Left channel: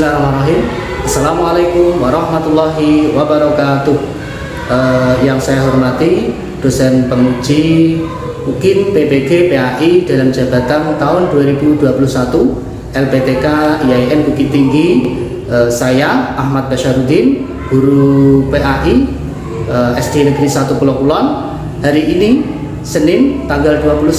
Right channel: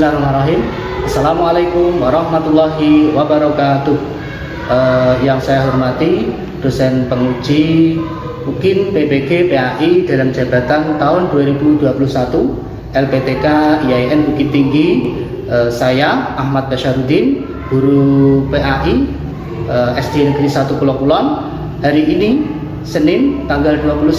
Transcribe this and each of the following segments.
Bismillahirrahmanirrahim. Assalamualaikum warahmatullahi wabarakatuh. Yang saya hormati dosen penguji UKIN PBG PAI dalam jabatan tahun 2021 LPTK IAIN Bukit Tinggi. Saya Ahmad Basyarudin, guru PAI SD Negeri 1 Pulau Kulon. Hari ini Senin tanggal 29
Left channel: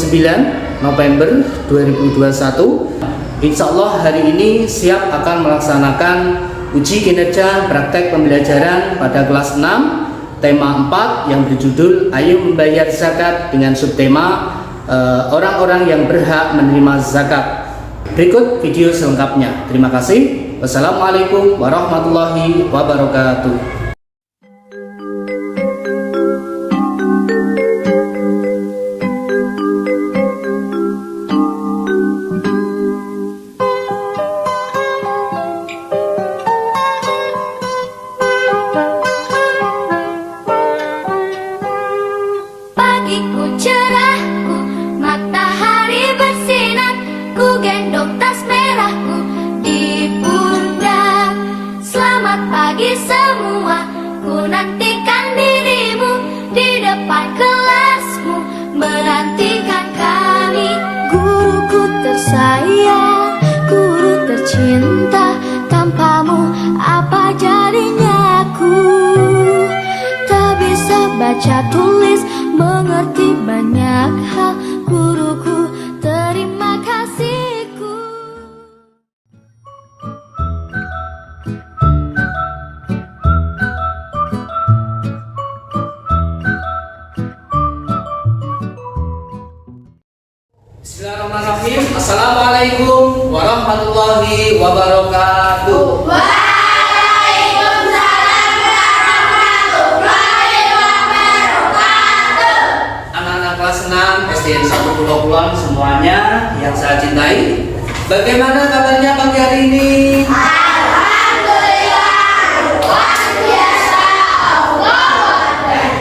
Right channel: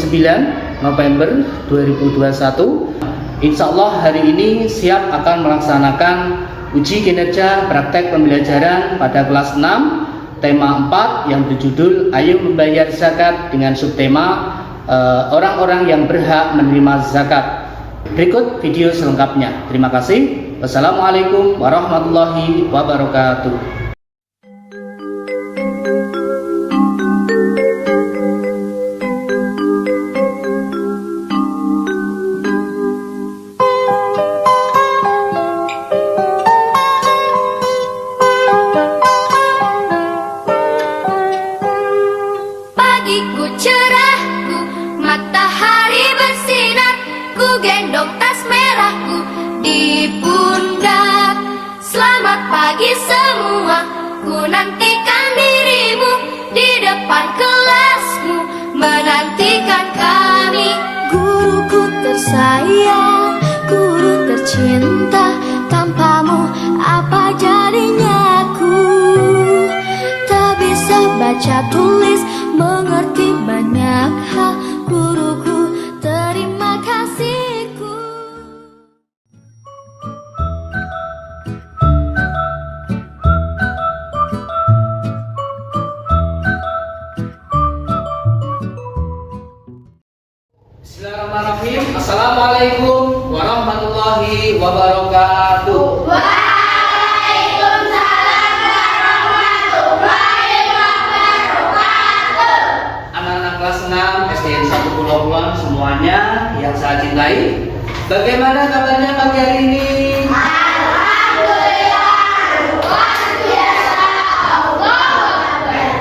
November 2021. Insya Allah hari ini siap akan melaksanakan uji kinerja praktek pembelajaran pada kelas 6 tema 4 yang berjudul Ayo Membayar Zakat dengan subtema orang-orang yang berhak menerima zakat. Berikut video selengkapnya. Terima kasih. Wassalamualaikum warahmatullahi wabarakatuh. Pagiku cerahku, matahari bersinar, ku gendong tas merahku di pundak. Selamat pagi semua, ku nantikan dirimu di depan kelasmu, menantikan kami. Guruku tersayang, guru tercinta, tanpamu apa jadinya aku? Tak bisa baca tulis, mengerti banyak hal, guruku, terima kasihku. Bismillahirrahmanirrahim. Assalamualaikum warahmatullahi wabarakatuh. Kelas 6 SDN 1 Pulau Kulon semuanya yang saya cintai. Bagaimana kabarnya pagi hari ini? Alhamdulillah, luar biasa,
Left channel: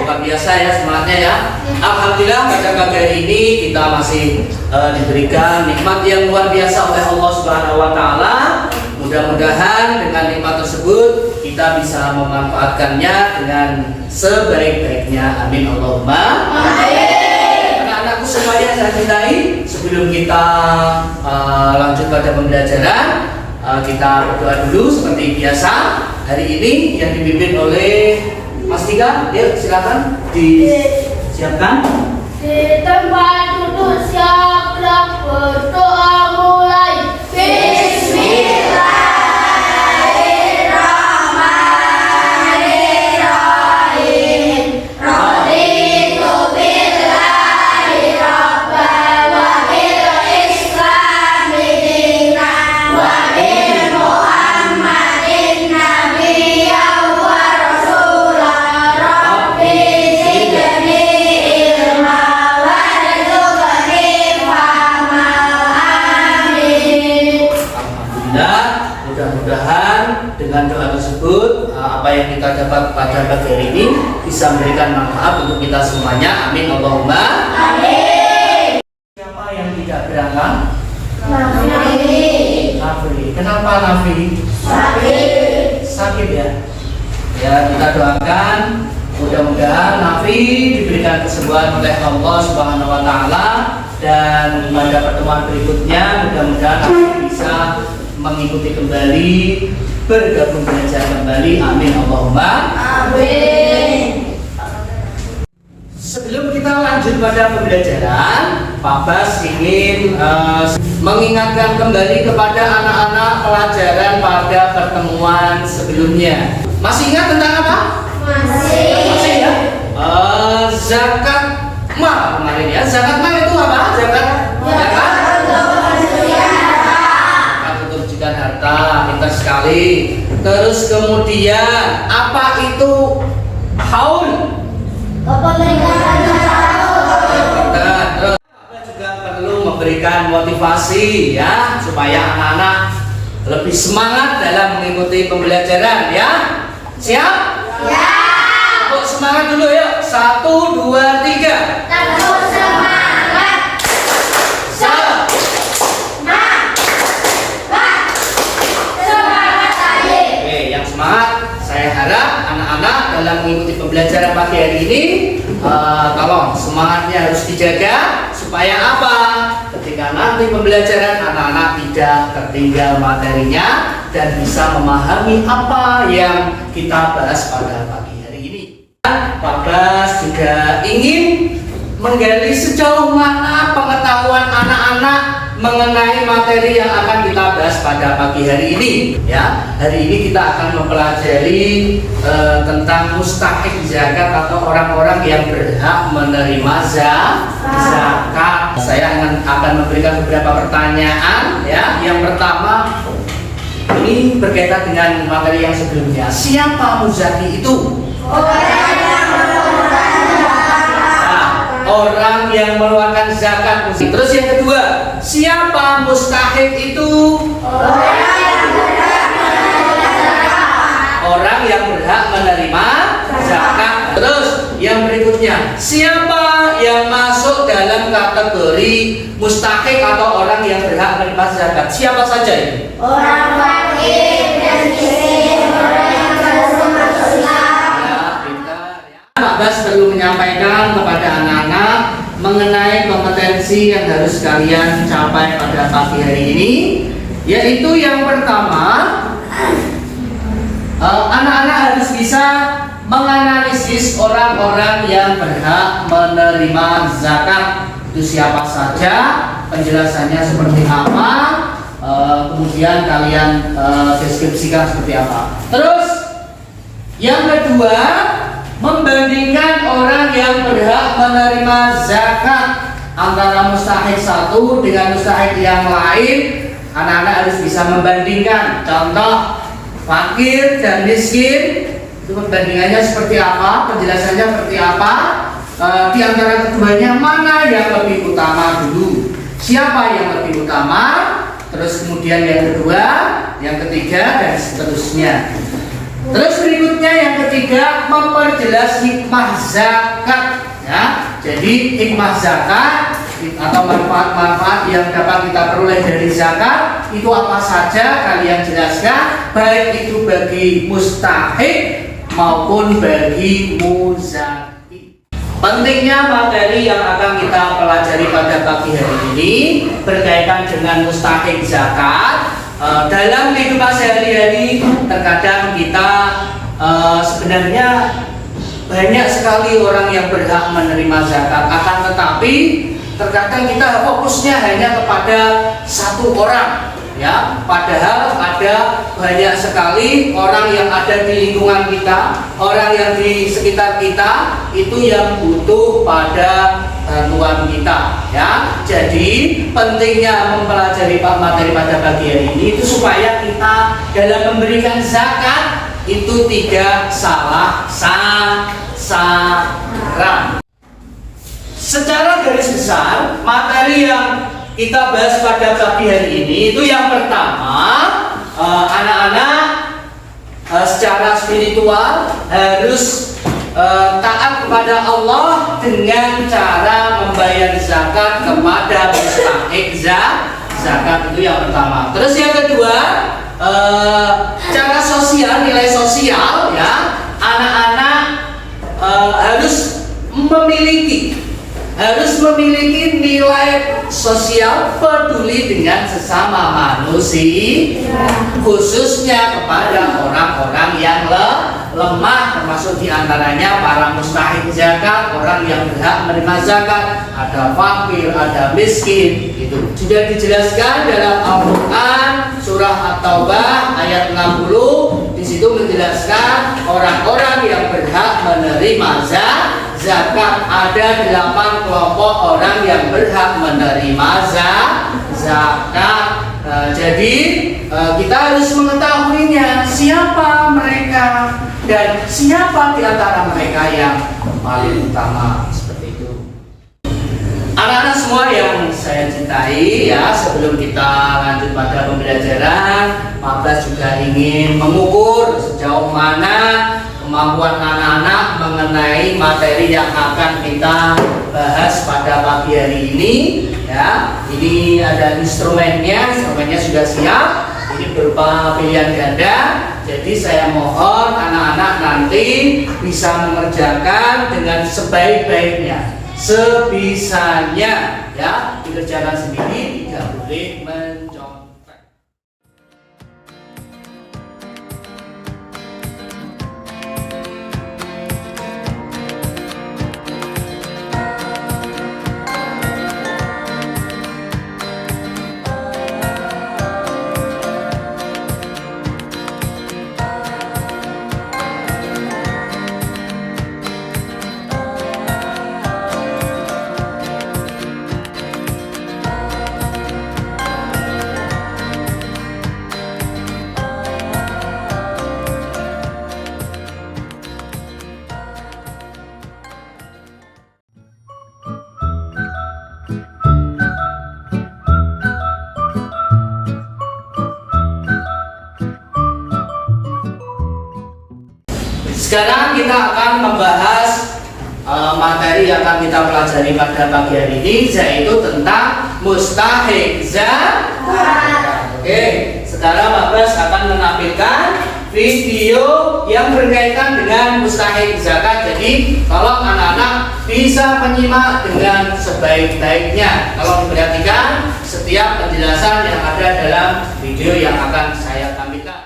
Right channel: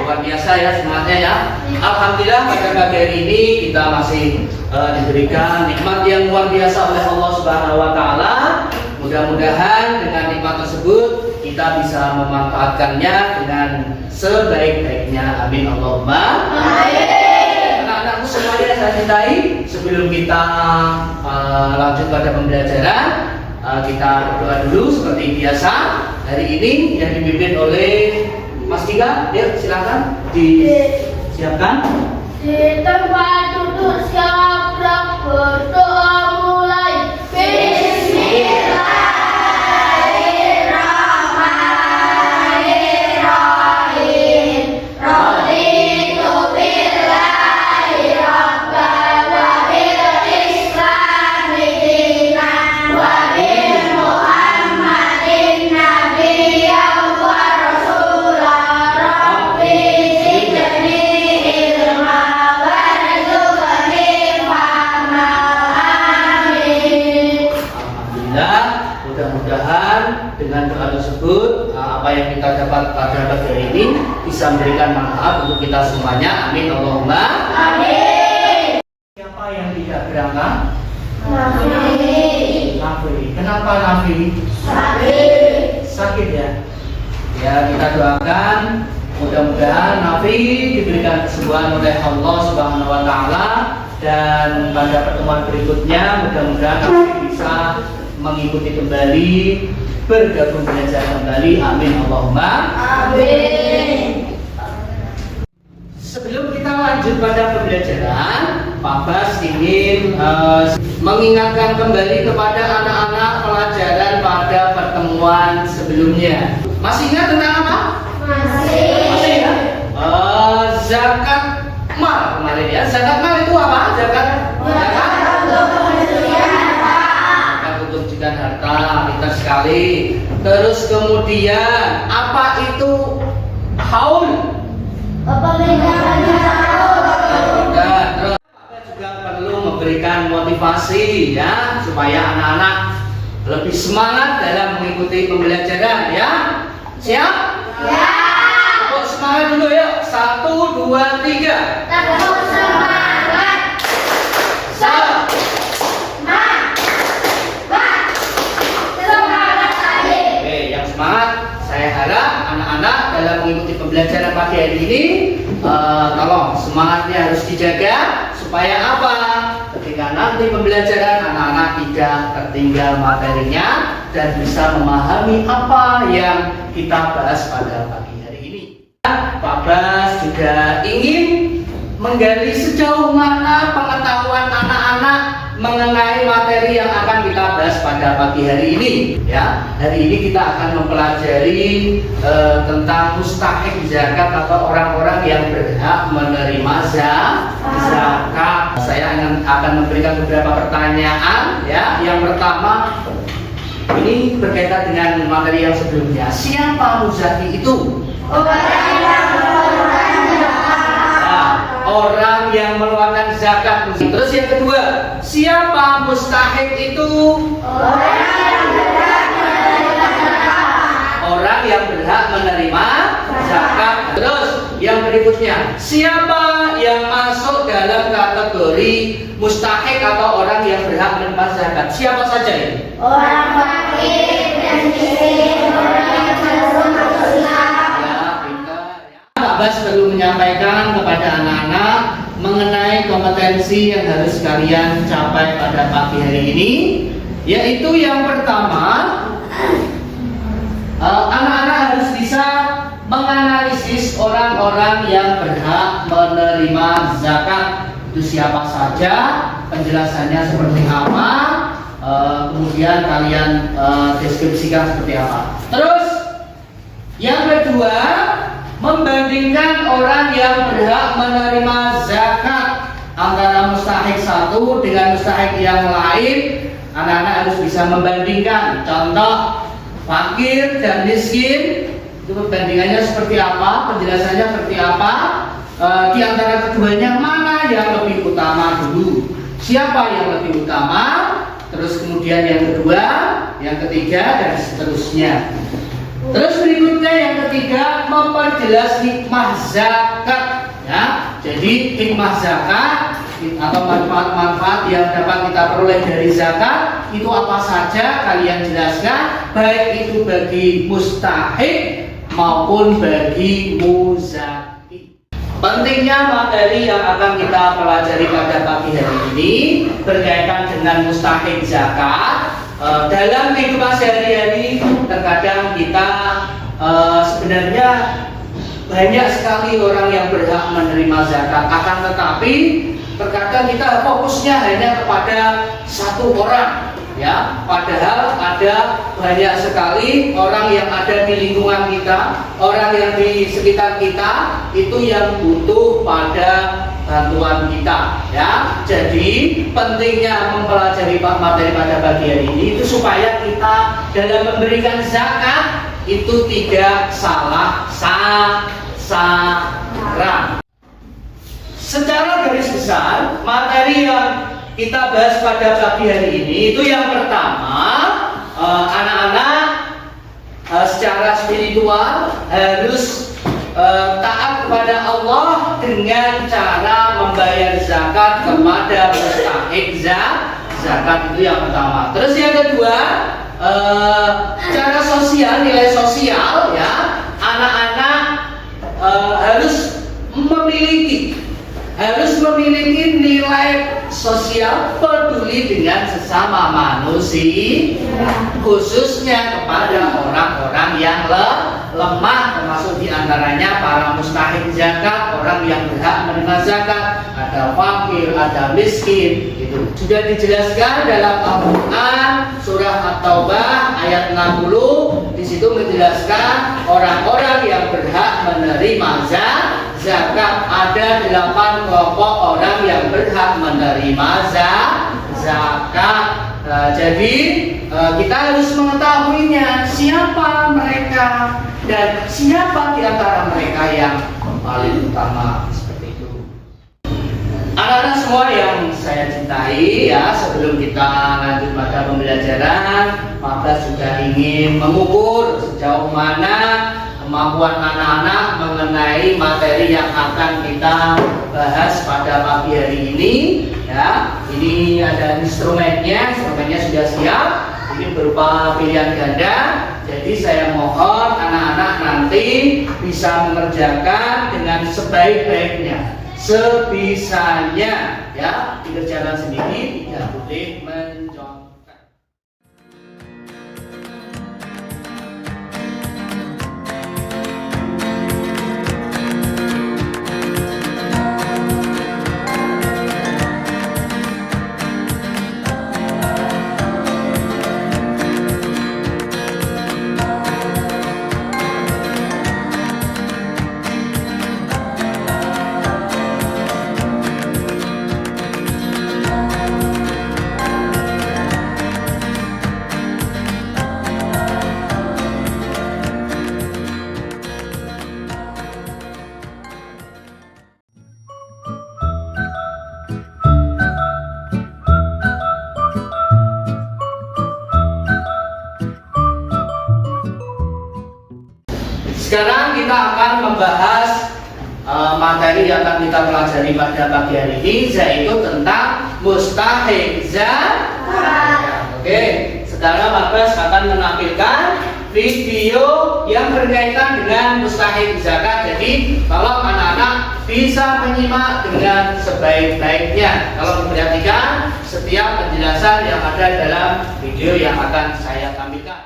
Luar biasa ya semangatnya ya. Alhamdulillah pada pagi hari ini kita masih diberikan nikmat yang luar biasa oleh Allah Subhanahu wa taala. Mudah-mudahan dengan nikmat tersebut kita bisa memanfaatkannya dengan sebaik-baiknya. Amin Allahumma amin. Semuanya saya cintai. Sebelum kita lanjut pada pembelajaran, kita berdoa dulu seperti biasa. Hari ini yang dipimpin oleh Mas Tika, yuk silakan disiapkan. Di tempat duduk siap gerak, berdoa mulai. Bismillahirrahmanirrahim. Raditu billahi rabban wa bil islami dinan wa bi Muhammadin nabiyyan wa rasulah. Rabbi zidni ilma warzuqni fahma. Amin. Alhamdulillah, mudah-mudahan dengan doa tersebut apa yang kita dapat pada pagi hari ini bisa memberikan manfaat untuk kita semuanya. Amin Allahumma Amin. Siapa yang tidak berangkat? Nafi. Nafi. Kenapa Nafi? Sakit ya? Ya, kita doakan mudah-mudahan Nafi diberikan kesembuhan oleh Allah Subhanahu wa taala, dan pada pertemuan berikutnya mudah-mudahan Nafi bisa mengikuti kembali, bergabung belajar kembali. Amin Allahumma Amin. Sebelum kita lanjut pada pembelajaran, Pak Bas ingin mengingatkan kembali kepada anak-anak pelajaran pada pertemuan sebelumnya. Masih ingat tentang apa? Masih ya? Zakat mal kemarin ya. Zakat mal itu apa? Zakat ketunjukan harta, pintar sekali. Terus kemudian apa itu haul? Kita juga perlu memberikan motivasi ya, supaya anak-anak lebih semangat dalam mengikuti pembelajaran ya. Siap? Ya. Untuk semangat dulu yuk. 1, 2, 3. Tetap semangat. Semangat. Semangat. dalam mengikuti pembelajaran pagi hari ini. Tolong semangatnya harus dijaga supaya apa? Ketika nanti pembelajaran anak-anak tidak tertinggal materinya dan bisa memahami apa yang kita bahas pada pagi hari ini. Pak Bas juga ingin menggali sejauh mana pengetahuan anak-anak mengenai materi yang akan kita bahas pada pagi hari ini. Ya, hari ini kita akan mempelajari tentang mustahik zakat atau orang-orang yang berhak menerima zakat. Saya akan memberikan beberapa pertanyaan. Ya, yang pertama ini berkaitan dengan materi yang sebelumnya. Siapa muzaki itu? Orang yang mengeluarkan zakat. Terus yang kedua, siapa mustahik itu? Orang yang berhak menerima zakat. Terus yang berikutnya, siapa yang masuk dalam kategori mustahik atau orang yang berhak menerima zakat? Siapa saja itu? Orang fakir dan miskin, orang yang belum masuk Islam. Pak Bas perlu menyampaikan kepada anak-anak mengenai kompetensi yang harus kalian capai pada pagi hari ini, yaitu yang pertama, anak-anak harus bisa menganalisis orang-orang yang berhak menerima zakat. Itu siapa saja, penjelasannya seperti apa, kemudian kalian deskripsikan seperti apa. Terus yang kedua, membandingkan orang yang berhak menerima zakat antara mustahik satu dengan mustahik yang lain. Anak-anak harus bisa membandingkan. Contoh, fakir dan miskin, itu perbandingannya seperti apa, penjelasannya seperti apa, di antara keduanya mana yang lebih utama dulu, siapa yang lebih utama, terus kemudian yang kedua, yang ketiga, dan seterusnya. Terus berikutnya yang ketiga, memperjelas hikmah zakat. Ya, jadi hikmah zakat atau manfaat-manfaat yang dapat kita peroleh dari zakat itu apa saja kalian jelaskan, baik itu bagi mustahik maupun bagi muzaki. Pentingnya materi yang akan kita pelajari pada pagi hari ini berkaitan dengan mustahik zakat. Dalam kehidupan sehari-hari terkadang kita sebenarnya banyak sekali orang yang berhak menerima zakat, akan tetapi terkadang kita fokusnya hanya kepada satu orang, ya, padahal ada banyak sekali orang yang ada di lingkungan kita, orang yang di sekitar kita itu yang butuh pada bantuan kita, ya. Jadi pentingnya mempelajari materi pada pagi hari ini itu supaya kita dalam memberikan zakat itu tidak salah sasaran. Secara garis besar, materi yang kita bahas pada pagi hari ini itu yang pertama, anak-anak secara spiritual harus taat kepada Allah dengan cara membayar zakat kepada mustahik zakat, itu yang pertama. Terus yang kedua, cara sosial, nilai sosial, ya, anak-anak harus memiliki nilai sosial peduli dengan sesama manusia, khususnya kepada orang-orang yang lemah, termasuk diantaranya para mustahik zakat, orang yang berhak menerima zakat, ada fakir, ada miskin. Itu sudah dijelaskan dalam Al-Quran surah At-Taubah ayat 60. Di situ menjelaskan orang-orang yang berhak menerima zakat. Ada 8 kelompok orang yang berhak menerima zakat. Jadi kita harus mengetahuinya, siapa mereka dan siapa di antara mereka yang paling utama, seperti itu. Anak-anak semua yang saya cintai, ya, sebelum kita lanjut pada pembelajaran, Pak Bas juga ingin mengukur sejauh mana kemampuan anak-anak mengenai materi yang akan kita bahas pada pagi hari ini. Ya, ini ada instrumennya sudah siap. Ini berupa pilihan ganda. Jadi saya mohon anak-anak anak-anak nanti bisa mengerjakan dengan sebaik-baiknya, sebisanya, ya, dikerjakan sendiri, tidak boleh mencontek. Sekarang kita akan membahas materi yang akan kita pelajari pada pagi hari ini, yaitu tentang mustahik zakat. Oke, sekarang Pak Bas akan menampilkan video yang berkaitan dengan mustahik zakat. Jadi tolong anak-anak bisa menyimak dengan sebaik-baiknya. Kalau diperhatikan setiap penjelasan yang ada dalam video yang akan saya tampilkan.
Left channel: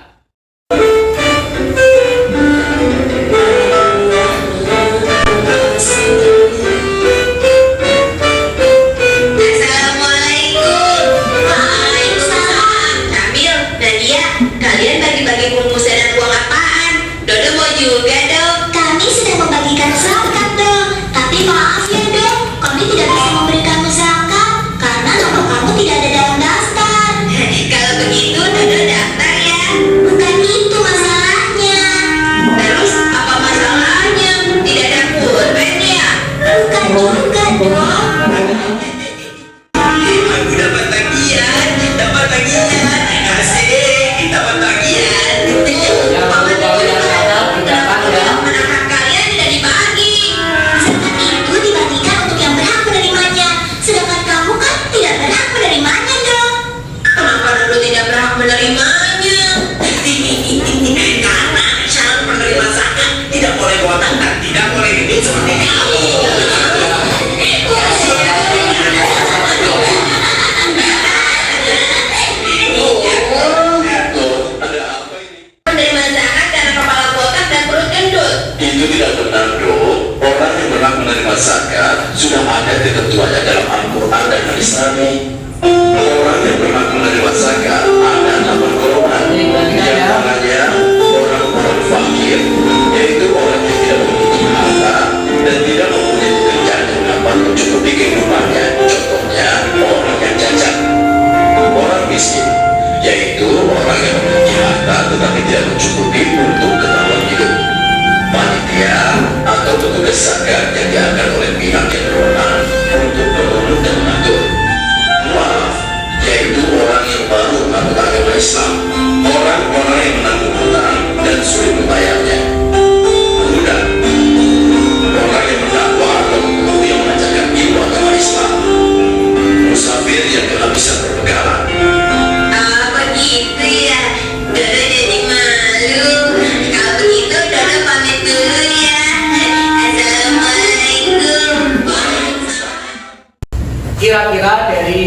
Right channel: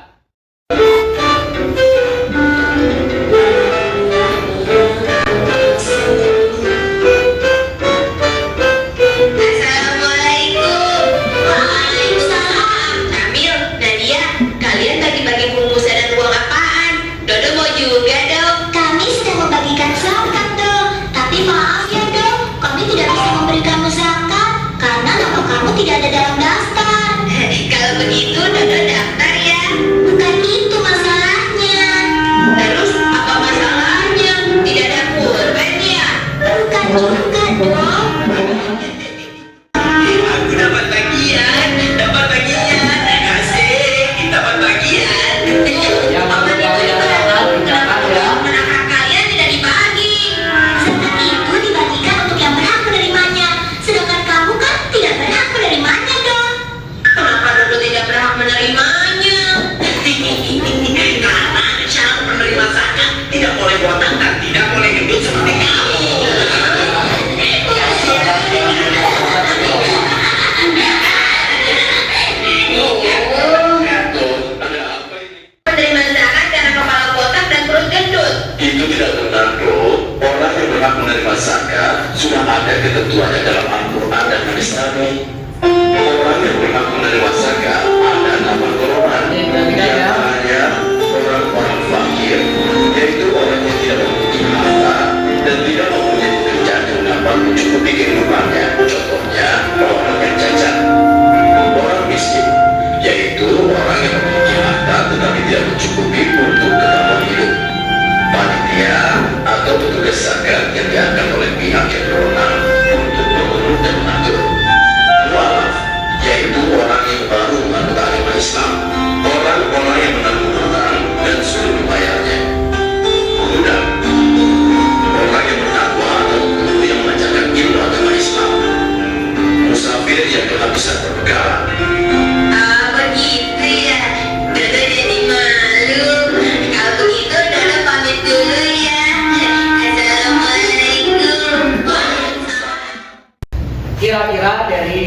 Tidak ada dalam daftar. Kalau begitu, Dodo daftar ya. Bukan itu masalahnya. Terus apa masalahnya? Tidak ada pulpen ya? Bukan juga dong. Aku dapat tagihan. Asik, dapat tagihan. Anak kalian tidak dibagi. Zakat itu dibagikan untuk yang berhak menerimanya. Sedangkan kamu kan tidak berhak menerimanya dong. Kenapa Dodo tidak berhak menerimanya? Karena syarat penerima zakat tidak boleh botak dan tidak boleh gendut seperti kamu. Menerima zakat karena kepala botak dan perut gendut. Itu tidak benar, Dok. Orang yang berhak menerima zakat sudah ada ketentuannya dalam Al-Quran dan hadis Nabi. Orang yang berhak menerima zakat ada 8 golongan. Di antaranya orang-orang fakir, yaitu orang yang tidak memiliki harta dan tidak mempunyai pekerjaan yang dapat mencukupi kehidupannya. Contohnya orang yang cacat. Orang miskin, yaitu orang yang memiliki harta tetapi tidak mencukupi untuk keperluan hidup. Panitia atau petugas zakat yang diangkat oleh pihak yang berwenang untuk mengurus dan mengatur. Mualaf, yaitu orang yang baru mengaku agama Islam, orang-orang yang menanggung hutang dan sulit membayarnya. Budak, orang yang berdakwah atau guru yang mengajarkan ilmu agama Islam. Musafir yang kehabisan perbekalan. Begitu ya. Dodo jadi malu. Kalau begitu Dodo pamit dulu ya. Assalamualaikum. Kira-kira dari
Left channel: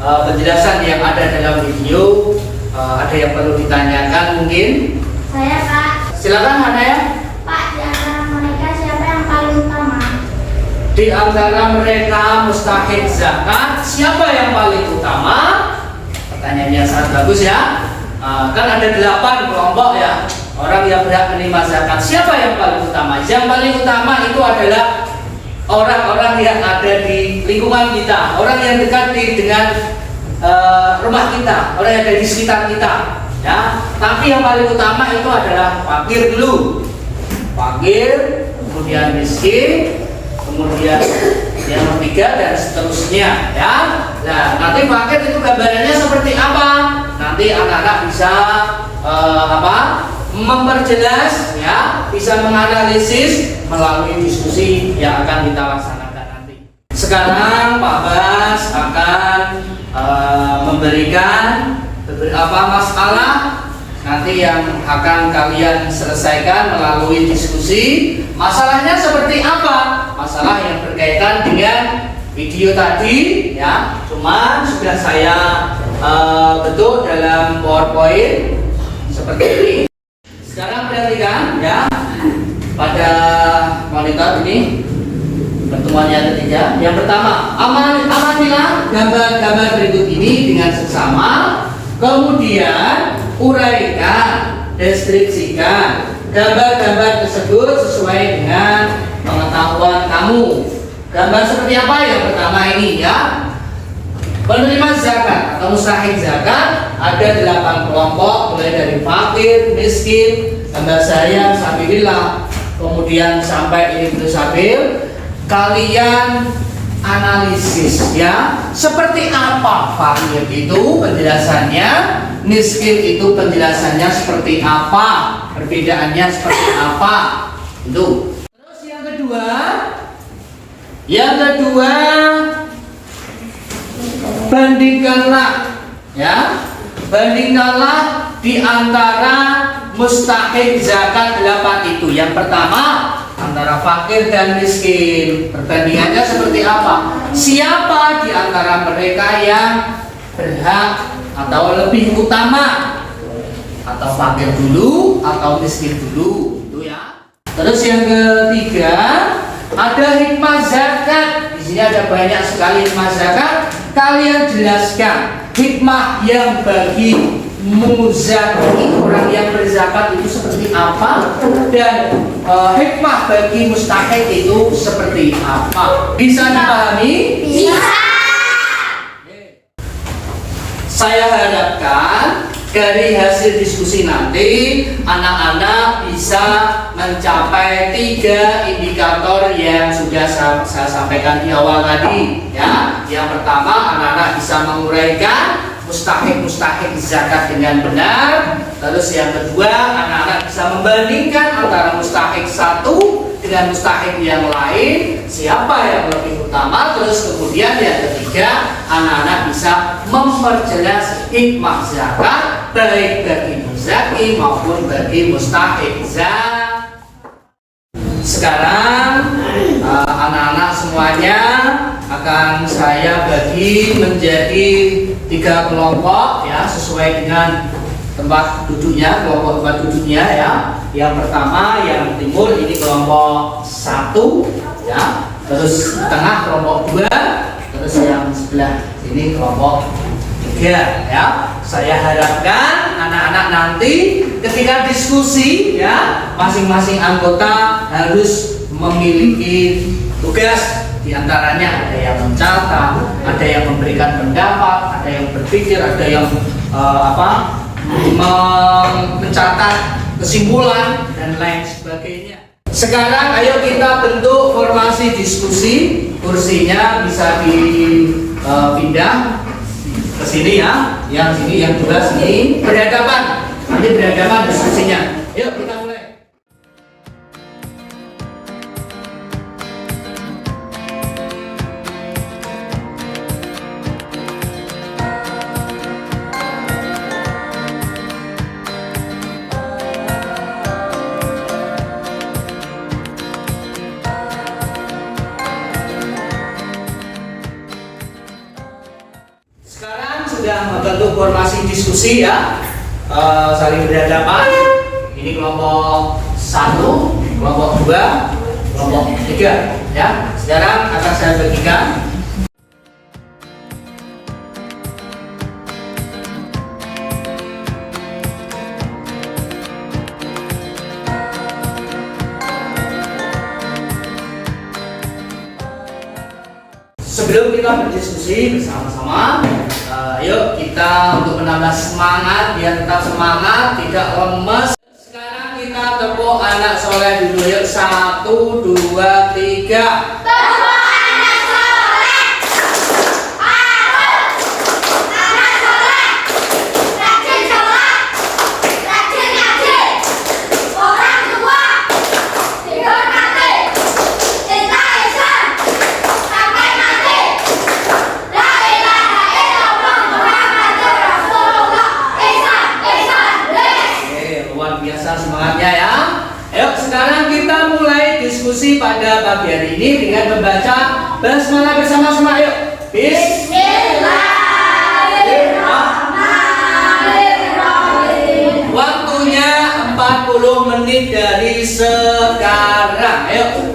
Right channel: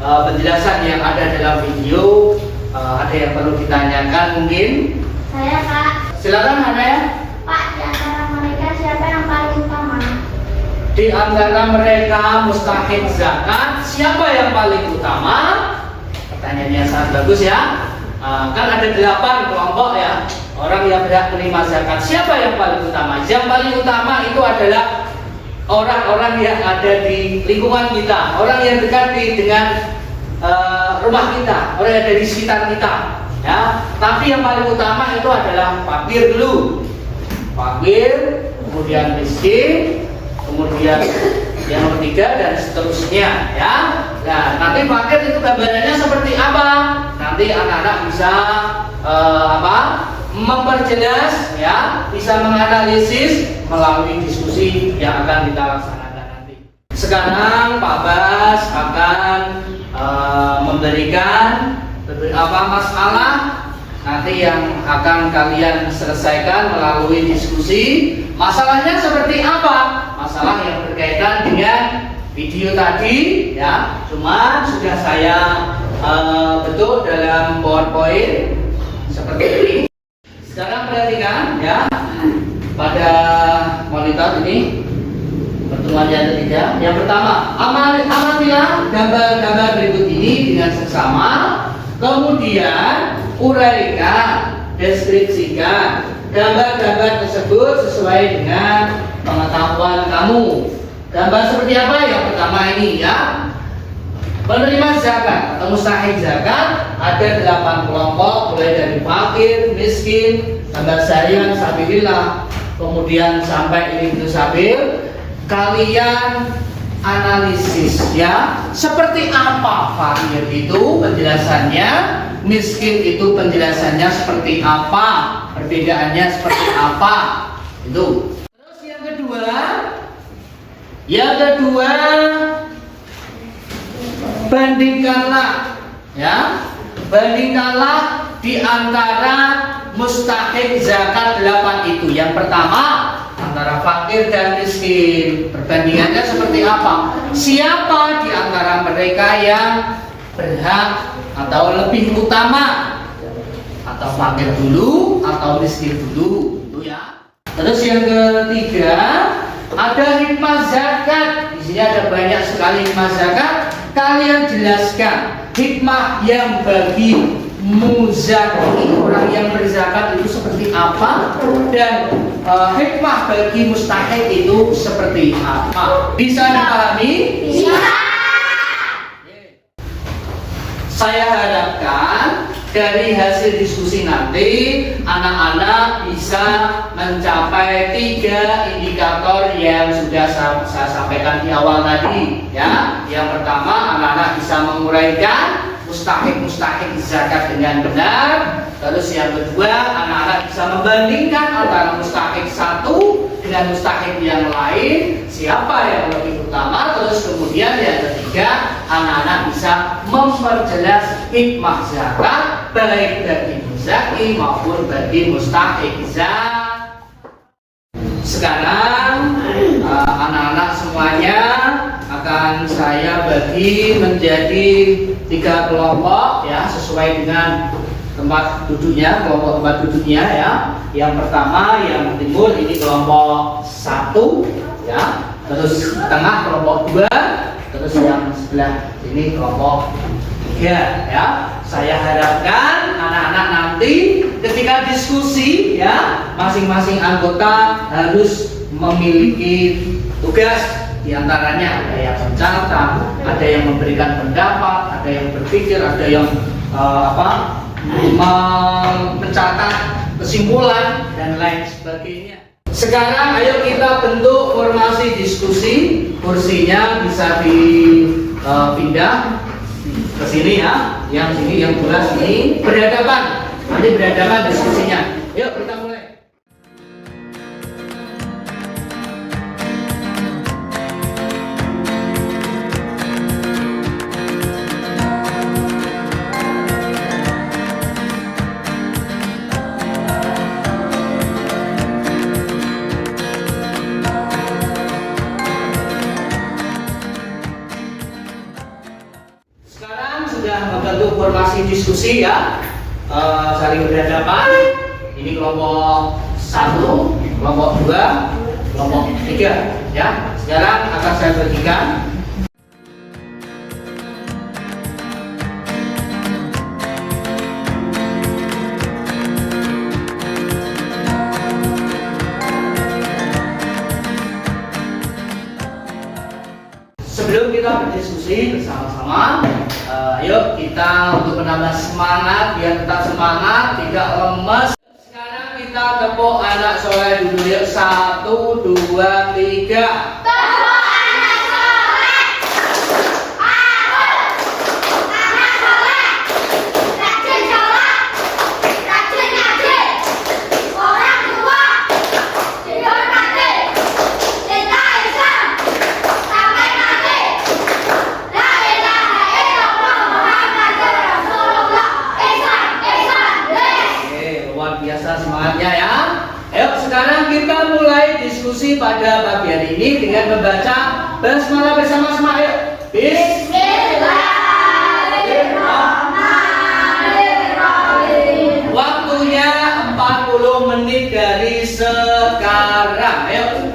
penjelasan yang ada dalam video ada yang perlu ditanyakan mungkin? Saya Kak. Silakan Hanaya. Pak, di antara mereka siapa yang paling utama? Di antara mereka mustahik zakat, siapa yang paling utama? Pertanyaannya sangat bagus ya. Kan ada 8 kelompok ya orang yang berhak menerima zakat. Siapa yang paling utama? Yang paling utama itu adalah orang-orang yang ada di lingkungan kita, orang yang dekat dengan rumah kita, orang yang ada di sekitar kita. Ya, tapi yang paling utama itu adalah fakir dulu, fakir, kemudian miskin, kemudian yang ketiga dan seterusnya. Ya, nah nanti fakir itu gambarannya seperti apa? Nanti anak-anak bisa memperjelas, ya, bisa menganalisis melalui diskusi yang akan kita laksanakan nanti. Sekarang Pak Bas akan memberikan beberapa masalah nanti yang akan kalian selesaikan melalui diskusi. Masalahnya seperti apa? Masalah yang berkaitan dengan video tadi ya, cuma sudah saya bentuk dalam PowerPoint seperti ini. Sekarang perhatikan ya, pada monitor ini pertemuan yang ketiga. Yang pertama, amatilah gambar-gambar berikut ini dengan seksama, kemudian uraikan, deskripsikan gambar-gambar tersebut sesuai dengan pengetahuan kamu. Gambar seperti apa? Yang pertama ini ya, penerima zakat atau mustahik zakat ada 8 kelompok, mulai dari fakir, miskin, hamba sayang, sabilillah, kemudian sampai ini sabil. Kalian analisis ya, seperti apa fakir itu penjelasannya, miskin itu penjelasannya seperti apa, perbedaannya seperti apa itu. Terus yang kedua bandingkanlah di antara mustahik zakat 8 itu. Yang pertama antara fakir dan miskin, perbandingannya seperti apa? Siapa di antara mereka yang berhak atau lebih utama, atau fakir dulu atau miskin dulu, itu ya. Terus yang ketiga ada hikmah zakat. Di sini ada banyak sekali hikmah zakat. Kalian jelaskan hikmah yang bagi muzaki, orang yang berzakat itu seperti apa, dan hikmah bagi mustahik itu seperti apa. Bisa dipahami? Bisa. Saya harapkan dari hasil diskusi nanti anak-anak bisa mencapai 3 indikator yang sudah saya sampaikan di awal tadi ya. Yang pertama, anak-anak bisa menguraikan mustahik zakat dengan benar. Terus yang kedua, anak-anak bisa membandingkan antara mustahik satu dengan mustahik yang lain, siapa yang lebih utama. Terus kemudian yang ketiga, anak-anak bisa memperjelas hikmah zakat baik bagi muzaki maupun bagi mustahik zakat. Sekarang anak-anak semuanya akan saya bagi menjadi 3 kelompok ya, sesuai dengan tempat duduknya, kelompok tempat duduknya ya. Yang pertama yang timur ini kelompok 1 ya, terus tengah kelompok 2, terus yang sebelah sini kelompok 3 ya. Saya harapkan anak-anak nanti ketika diskusi ya, masing-masing anggota harus memiliki tugas. Di antaranya ada yang mencatat, ada yang memberikan pendapat, ada yang berpikir, ada yang mencatat kesimpulan dan lain sebagainya. Sekarang ayo kita bentuk formasi diskusi. Kursinya bisa dipindah ke sini ya. Yang sini, yang dua sini berhadapan. Nanti berhadapan diskusinya. Yuk kita mulai. Sudah membentuk formasi diskusi ya, saling berhadapan. Ini kelompok 1, kelompok 2, kelompok 3 ya. Sekarang akan saya bagikan. Sebelum kita berdiskusi bersama-sama, ayo kita untuk menambah semangat, biar tetap semangat, tidak lemes. Sekarang kita tepuk anak soleh dulu yuk. 1, 2, 3. diskusi pada pagi hari ini dengan membaca basmalah bersama-sama. Yuk. Bismillahirrahmanirrahim. Waktunya 40 menit dari sekarang. Ayo.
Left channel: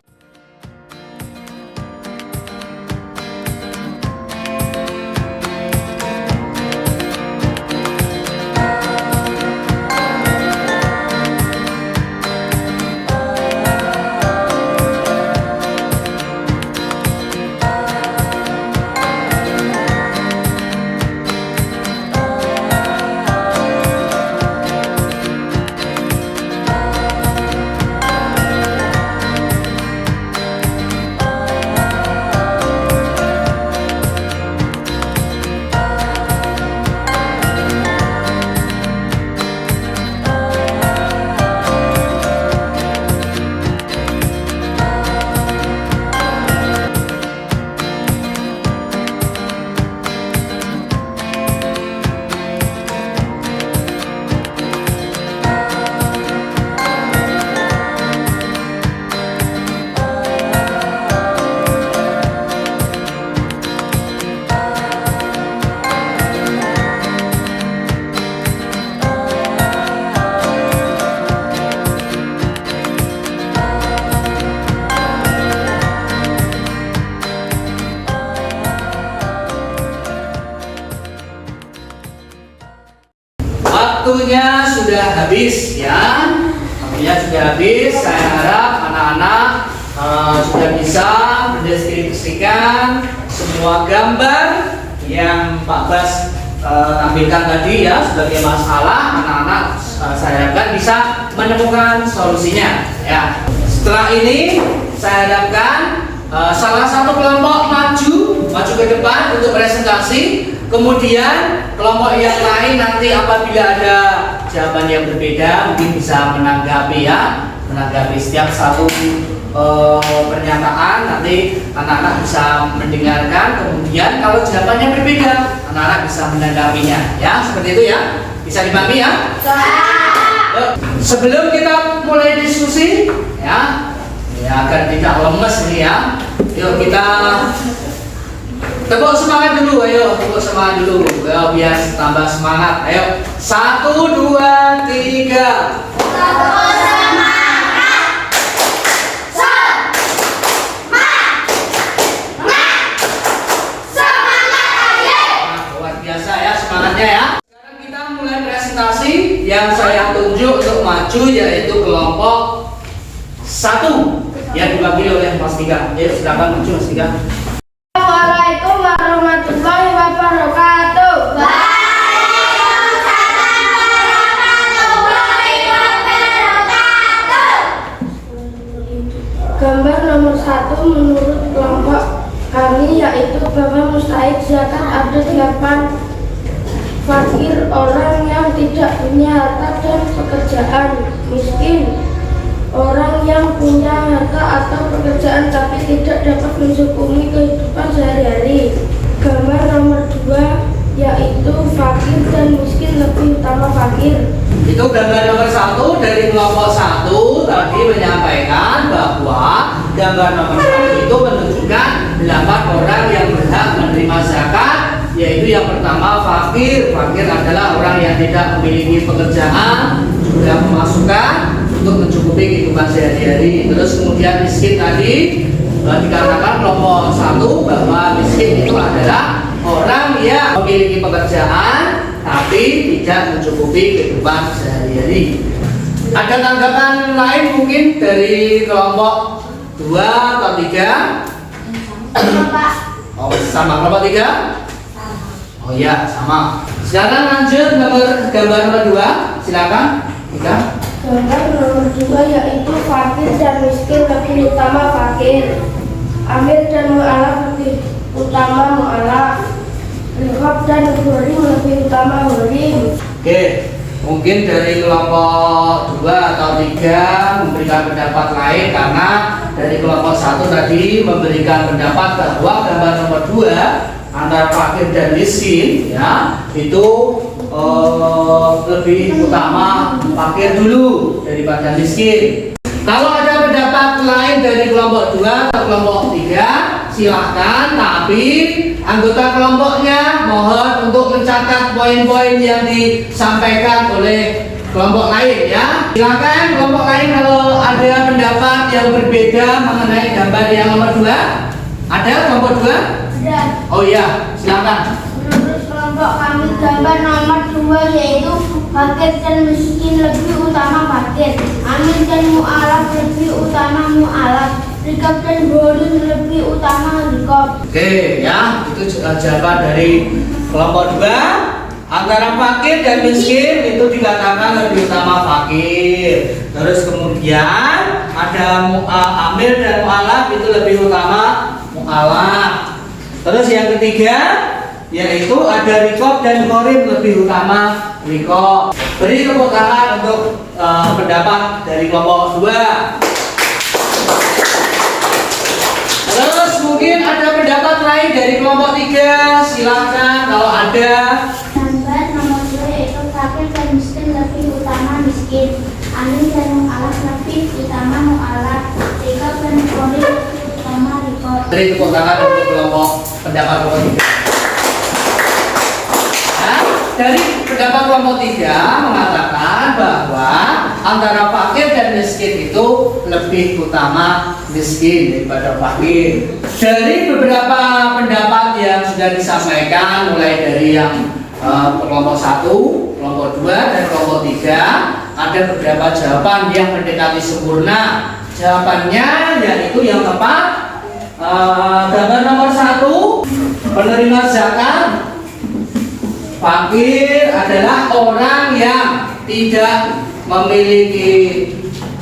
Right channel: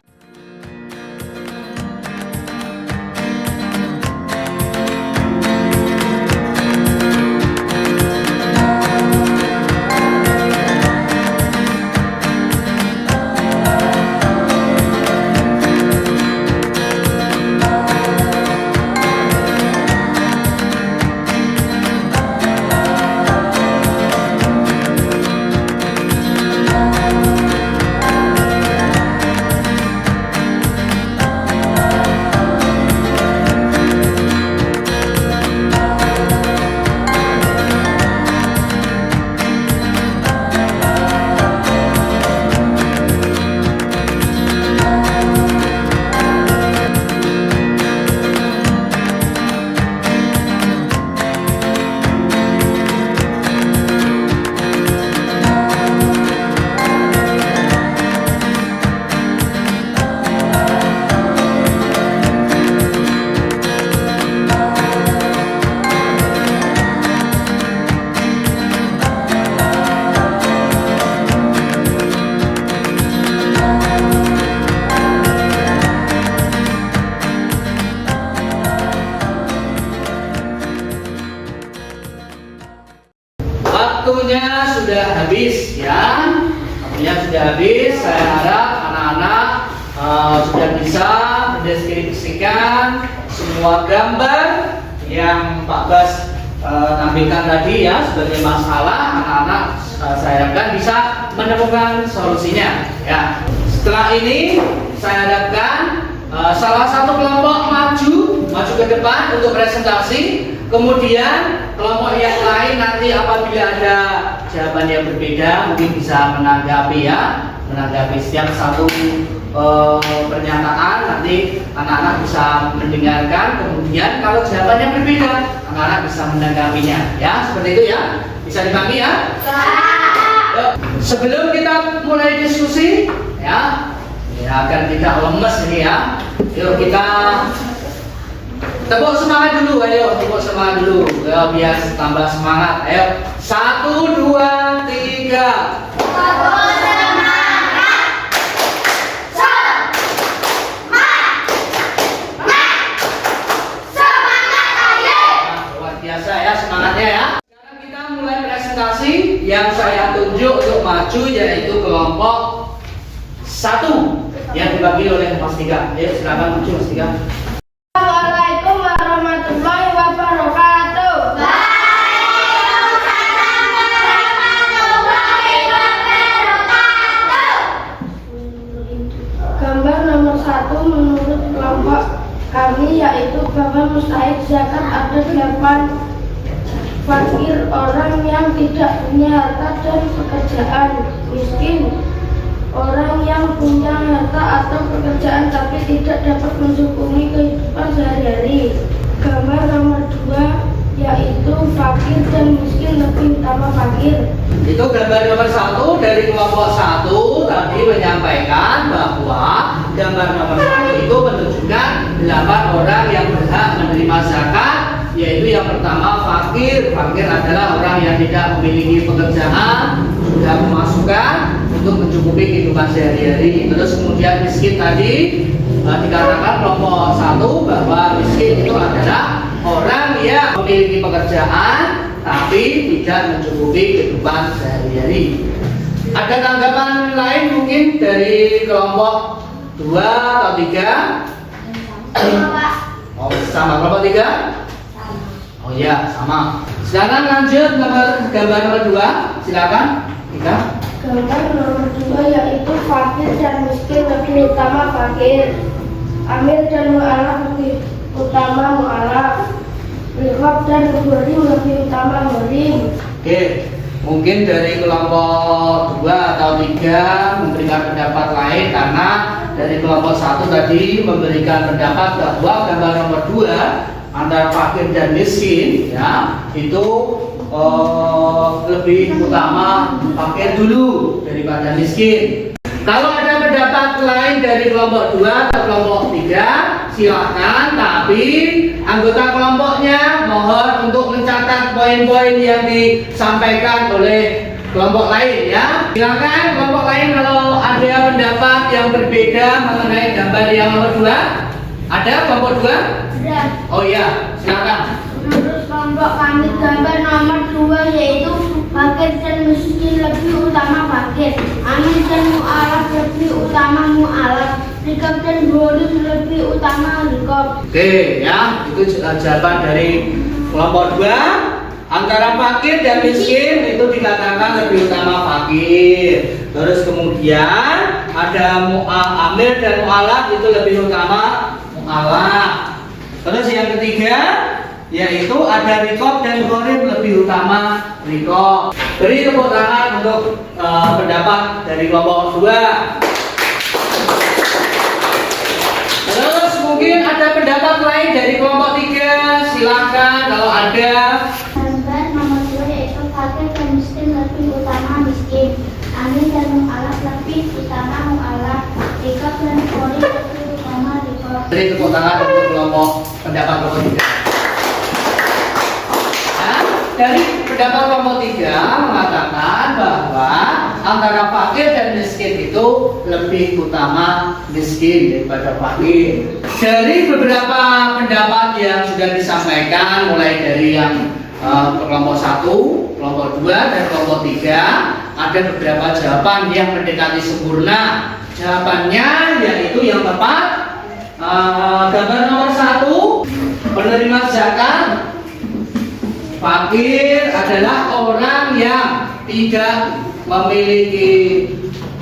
Waktunya sudah habis ya. Waktunya sudah habis. Saya harap anak-anak sudah bisa mendeskripsikan semua gambar yang Pak Bas tampilkan tadi ya sebagai masalah. Anak-anak saya harapkan bisa menemukan solusinya ya. Setelah ini saya harapkan salah satu kelompok maju ke depan untuk presentasi. Kemudian kelompok yang lain nanti apabila ada jawaban yang berbeda mungkin bisa menanggapi setiap satu pernyataan. Nanti anak-anak bisa mendengarkan, kemudian kalau jawabannya berbeda anak-anak bisa menanggapinya ya, seperti itu ya. Bisa dipahami ya? Yuk, sebelum kita mulai diskusi ya agar tidak lemes nih ya, yuk kita tepuk semangat dulu, ayo tepuk semangat dulu, ya, biar tambah semangat. Ayo, 1, 2, 3. Tepuk semangat. Semangat aja. Luar biasa ya semangatnya ya. Sekarang kita mulai presentasi. Yang saya tunjuk untuk maju yaitu kelompok 1 yang dibagi oleh Mas Tiga. Ayo silakan maju Mas Tiga. Assalamualaikum warahmatullahi wabarakatuh. Gambar nomor 1 menurut kelompok kami yaitu bahwa mustahik zakat ada 8 fakir, orang yang tidak punya harta dan pekerjaan, miskin, orang yang punya harta atau pekerjaan tapi tidak dapat mencukupi kehidupan sehari-hari. Gambar nomor 2 yaitu fakir dan miskin, lebih utama fakir. Itu gambar nomor 1 dari kelompok 1 tadi menyampaikan bahwa gambar nomor 1 itu menunjukkan 8 orang yang berhak menerima zakat, yaitu yang pertama fakir. Fakir adalah orang yang tidak memiliki pekerjaan, juga pemasukan untuk mencukupi kehidupan sehari-hari. Terus kemudian miskin tadi dikatakan kelompok 1 bahwa miskin itu adalah orang yang memiliki pekerjaan tapi tidak mencukupi kehidupan sehari-hari. Ada tanggapan lain mungkin dari kelompok 2 atau 3? Oh, sama kelompok 3? Oh ya, sama. Sekarang lanjut gambar nomor 2. Silakan kita. Gambar nomor 2 yaitu fakir dan miskin, lebih utama fakir. Amil dan mu'alaf lebih utama mu'alaf. Riqab dan hurim lebih utama hurim. Oke, mungkin dari kelompok 2 atau 3 memberikan pendapat lain, karena dari kelompok 1 tadi memberikan pendapat bahwa gambar nomor 2 antara fakir dan miskin ya itu lebih utama fakir dulu daripada miskin. Kalau ada pendapat lain dari kelompok 2 atau kelompok 3, silahkan. Tapi anggota kelompoknya mohon untuk mencatat poin-poin yang disampaikan oleh kelompok lain ya. Silahkan kelompok lain kalau ada pendapat yang berbeda mengenai gambar yang nomor 2. Ada kelompok 2? Ada. Oh iya, silahkan. Menurut kelompok kami gambar nomor 2 yaitu fakir dan miskin lebih utama fakir, amin dan mu'alaf lebih utama mu'alaf, rikab dan bolim lebih utama rikab. Oke ya, itu jawaban dari kelompok 2. Antara fakir dan miskin itu dikatakan lebih utama fakir. Terus kemudian ada amil dan mu'alaf itu lebih utama mu'alaf. Terus yang ketiga yaitu ada rikob dan gharib lebih utama rikob. Beri tepuk tangan untuk pendapat dari kelompok 2. Terus mungkin ada pendapat lain dari kelompok 3. Silakan kalau ada. Gambar nomor 2 yaitu fakir dan miskin lebih utama miskin, amin dan mu'alaf lebih utama mu'alaf, rikab dan gharib lebih utama rikab. Beri tepuk tangan untuk kelompok pendapat kelompok 3. Dari pendapat kelompok 3 mengatakan bahwa antara fakir dan miskin itu lebih utama miskin daripada fakir. Dari beberapa pendapat yang sudah disampaikan mulai dari yang kelompok 1, kelompok 2 dan kelompok 3, ada beberapa jawaban yang mendekati sempurna. Jawabannya yaitu yang tepat gambar nomor 1, penerima zakat. Fakir adalah orang yang tidak memiliki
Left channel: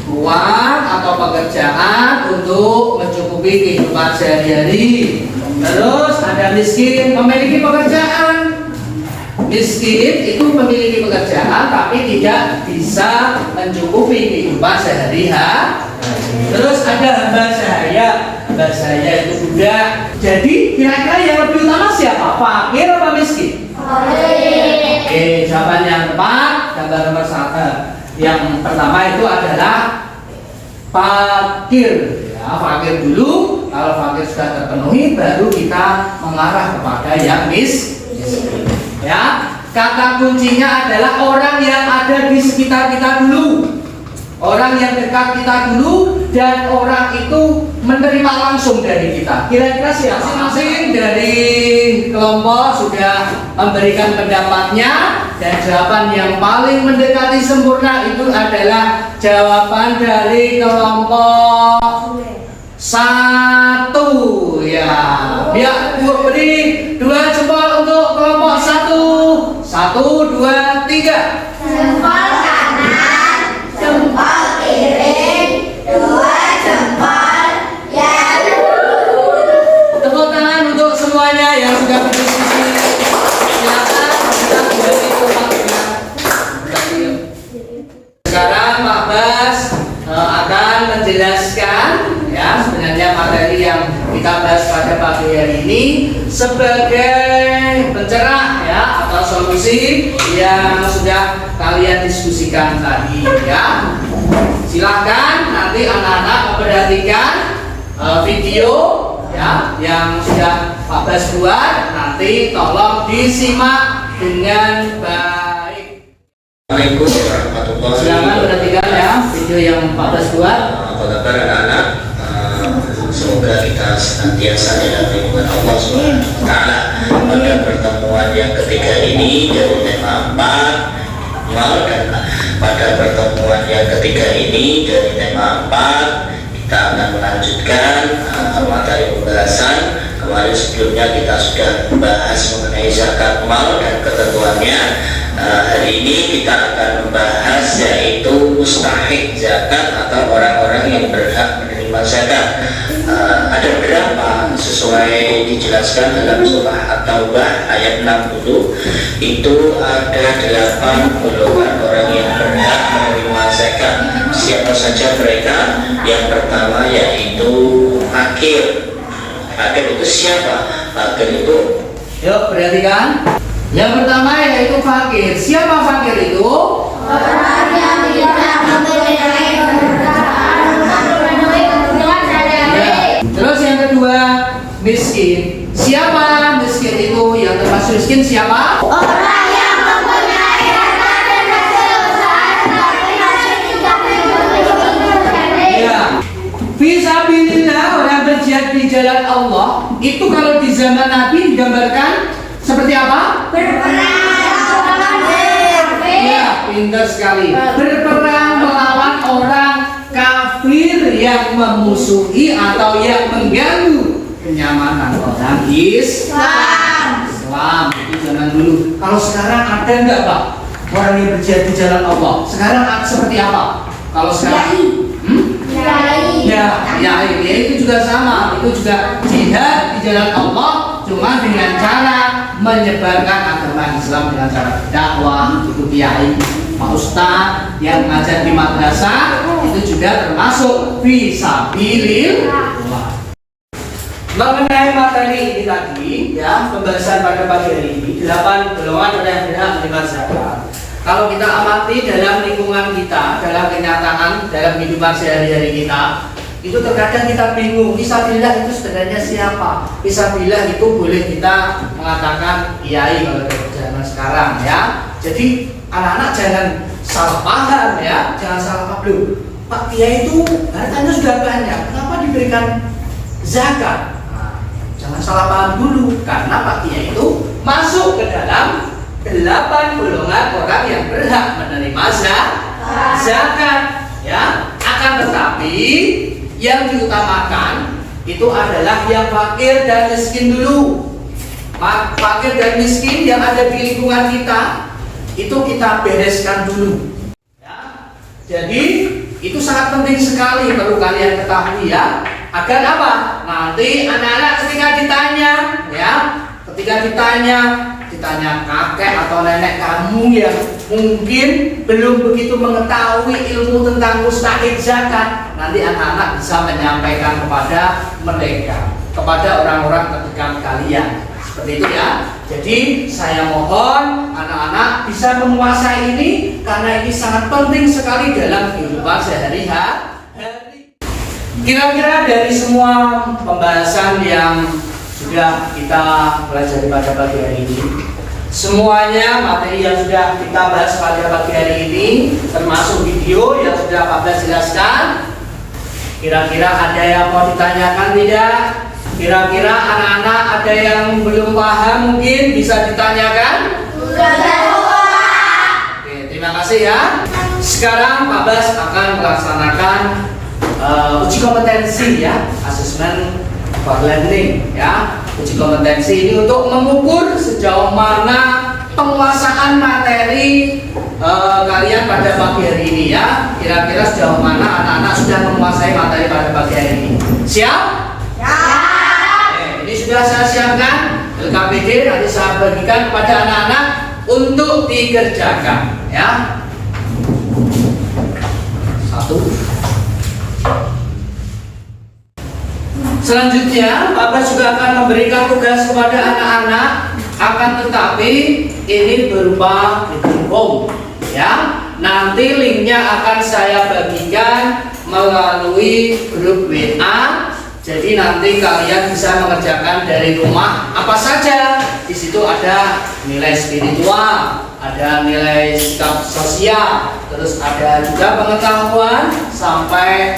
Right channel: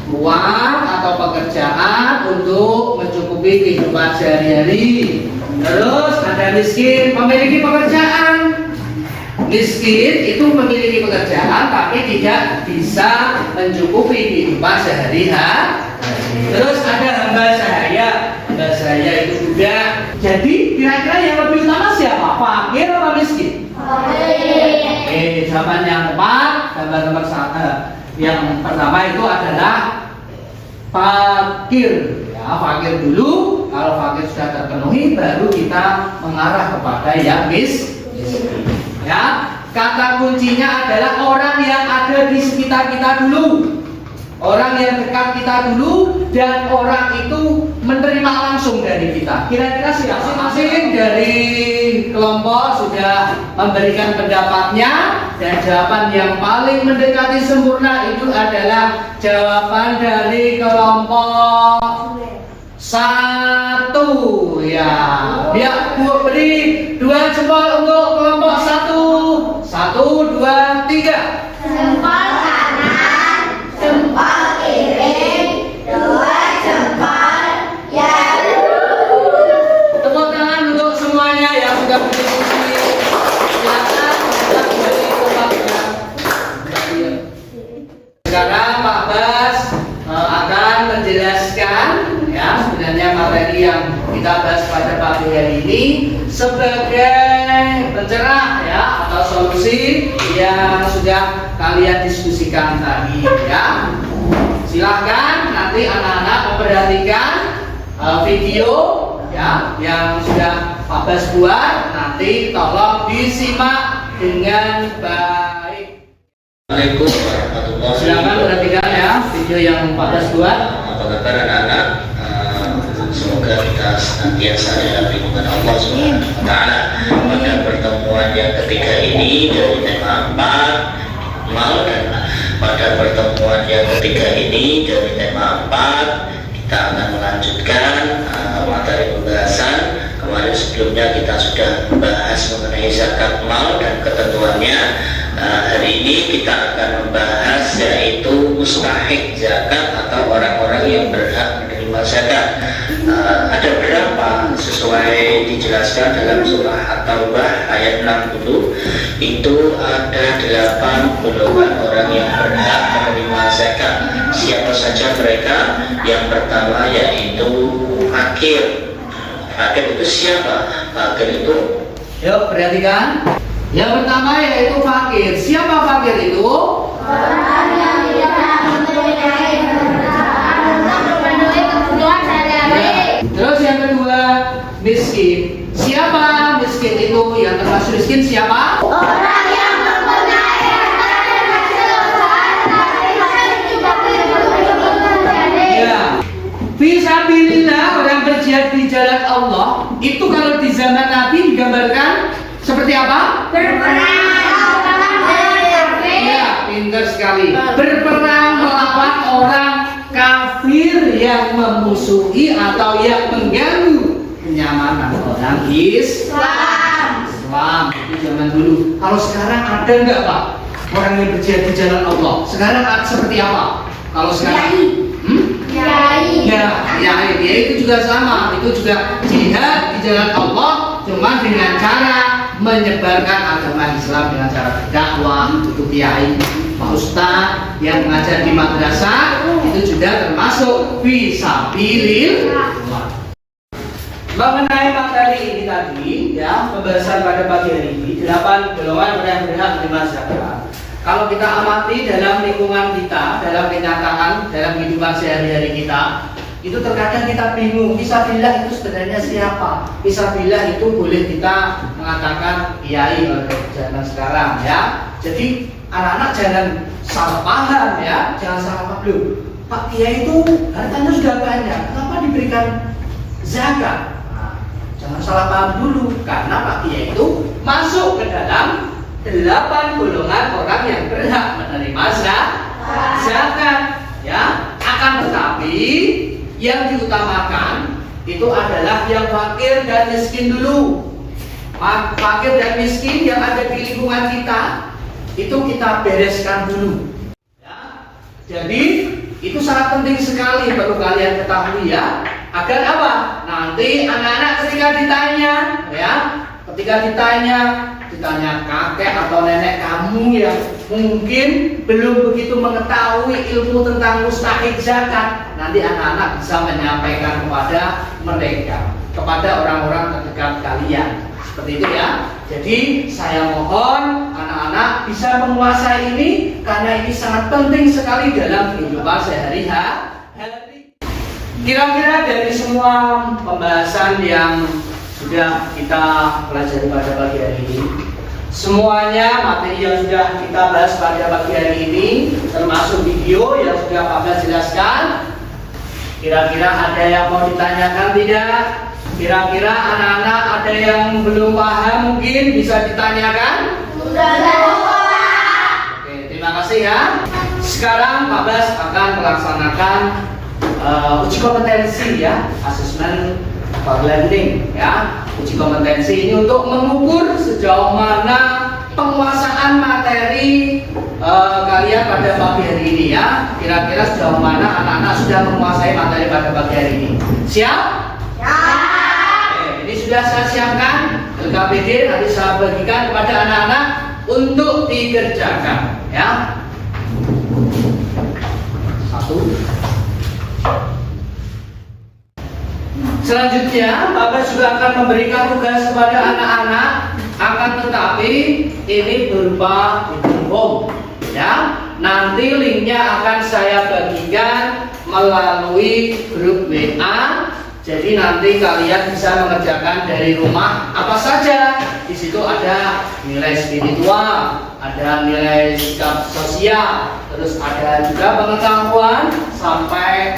uang atau pekerjaan untuk mencukupi kehidupan sehari-hari. Terus ada miskin, memiliki pekerjaan. Miskin itu memiliki pekerjaan tapi tidak bisa mencukupi kehidupan sehari-hari. Terus ada hamba sahaya. Hamba sahaya itu budak. Jadi kira-kira yang lebih utama siapa? Fakir atau miskin? Oke, jawaban yang tepat gambar nomor 1 yang pertama itu adalah fakir. Ya, fakir dulu. Kalau fakir sudah terpenuhi, baru kita mengarah kepada yang miskin. Ya, kata kuncinya adalah orang yang ada di sekitar kita dulu. Orang yang dekat kita dulu dan orang itu menerima langsung dari kita. Kira-kira masing-masing dari kelompok sudah memberikan pendapatnya dan jawaban yang paling mendekati sempurna itu adalah jawaban dari kelompok 1 ya. Biar beri 2 jempol untuk kelompok 1. 1, 2, 3. Jempol kanan, jempol kiri, 2 jempol ya. Tepuk tangan untuk semuanya yang sudah berdiskusi. Silakan kita kembali ke tempat. Sekarang Pak Bas akan menjelaskan ya sebenarnya materi yang kita bahas pada pagi hari ini sebagai pencerah ya atau solusi yang sudah kalian diskusikan tadi ya. Silahkan nanti anak-anak memperhatikan video ya yang sudah Pak Bas buat, nanti tolong disimak dengan baik. Assalamualaikum warahmatullahi wabarakatuh. Silakan perhatikan ya video yang Pak Bas buat. Apa kabar anak-anak? Semoga kita senantiasa dalam lindungan Allah Subhanahu wa Ta'ala. Pada pertemuan yang ketiga ini dari tema 4 dan pada pertemuan yang ketiga ini dari tema 4 kita akan melanjutkan materi pembahasan. Kemarin sebelumnya kita sudah membahas mengenai zakat mal dan ketentuannya. Hari ini kita akan membahas yaitu mustahik zakat atau orang-orang yang berhak menerima zakat. Ada berapa sesuai dijelaskan dalam surah At-Taubah ayat 60 itu ada 8 golongan orang yang berhak menerima zakat. Siapa saja mereka? Yang pertama yaitu fakir. Fakir itu siapa? Fakir itu Yuk perhatikan. Yang pertama yaitu fakir. Siapa fakir itu? Orang yang tidak memiliki pekerjaan siapa? Orang yang mempunyai harta dan hasil usaha tetapi masih tidak memiliki. Ya. Fisabilillah, orang berjihad di jalan Allah. Itu kalau di zaman Nabi digambarkan seperti apa? Berperang melawan kafir. Ya, pintar sekali. Berperang melawan orang kafir yang memusuhi atau yang mengganggu kenyamanan orang Islam. Itu zaman dulu. Kalau sekarang ada nggak Pak orang yang berjihad di jalan Allah? Sekarang seperti apa? Kalau sekarang? Ya, itu juga sama. Itu juga jihad di jalan Allah, cuma dengan cara menyebarkan agama Islam dengan cara berdakwah. Itu kiai, pak ustaz yang mengajar di madrasah, itu juga termasuk fisabilillah. Mengenai materi ini tadi, ya, pembahasan pada pagi hari ini 8 golongan orang yang berhak menerima zakat. Kalau kita amati dalam lingkungan kita, dalam kenyataan, dalam kehidupan sehari-hari kita, itu terkadang kita bingung, fisabilillah itu sebenarnya siapa? Fisabilillah itu boleh kita mengatakan kiai kalau zaman sekarang, ya. Jadi anak-anak jangan salah paham, ya, jangan salah paham. Pak kiai itu hartanya sudah banyak, kenapa diberikan zakat? Nah, jangan salah paham dulu, karena Pak kiai itu masuk ke dalam 8 golongan orang yang berhak menerima zakat, ya. Akan tetapi yang diutamakan itu adalah yang fakir dan miskin dulu. Fakir dan miskin yang ada di lingkungan kita itu kita bereskan dulu, ya. Jadi itu sangat penting sekali, perlu kalian ketahui, ya. Agar apa? Nanti anak-anak ketika ditanya, ya, ditanya kakek atau nenek kamu yang mungkin belum begitu mengetahui ilmu tentang mustahik zakat, nanti anak-anak bisa menyampaikan kepada mereka, kepada orang-orang terdekat kalian. Seperti itu, ya. Jadi saya mohon anak-anak bisa menguasai ini, karena ini sangat penting sekali dalam kehidupan sehari-hari. Kira-kira dari semua pembahasan yang sudah kita pelajari pada pagi hari ini, semuanya materi yang sudah kita bahas pada pagi hari ini, termasuk video yang sudah Pak Blas jelaskan, kira-kira ada yang mau ditanyakan tidak? Kira-kira anak-anak ada yang belum paham mungkin bisa ditanyakan? Oke, terima kasih, ya. Sekarang Pak Blas akan melaksanakan uji kompetensi, ya, asesmen for learning, ya. Uji kompetensi ini untuk mengukur sejauh mana penguasaan materi kalian pada pagi hari ini, ya. Kira-kira sejauh mana anak-anak sudah menguasai materi pada pagi hari ini. Siap? Ini sudah saya siapkan LKPD, nanti saya bagikan kepada anak-anak untuk dikerjakan, ya. 1. Selanjutnya, Bapak juga akan memberikan tugas kepada anak-anak, akan tetapi ini berupa home, ya. Nanti linknya akan saya bagikan melalui grup WA. Jadi nanti kalian bisa mengerjakan dari rumah apa saja. Di situ ada nilai spiritual, ada nilai sikap sosial, terus ada juga pengetahuan sampai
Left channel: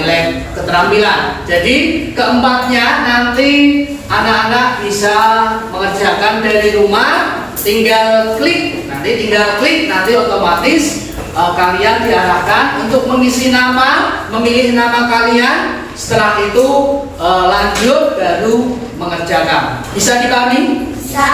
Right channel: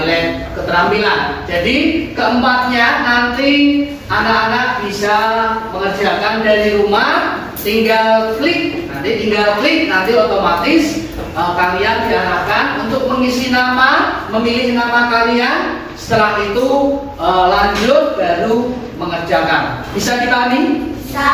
nilai keterampilan. Jadi keempatnya nanti anak-anak bisa mengerjakan dari rumah, tinggal klik, nanti otomatis kalian diarahkan untuk mengisi nama, memilih nama kalian. Setelah itu lanjut baru mengerjakan. Bisa dipahami? Bisa.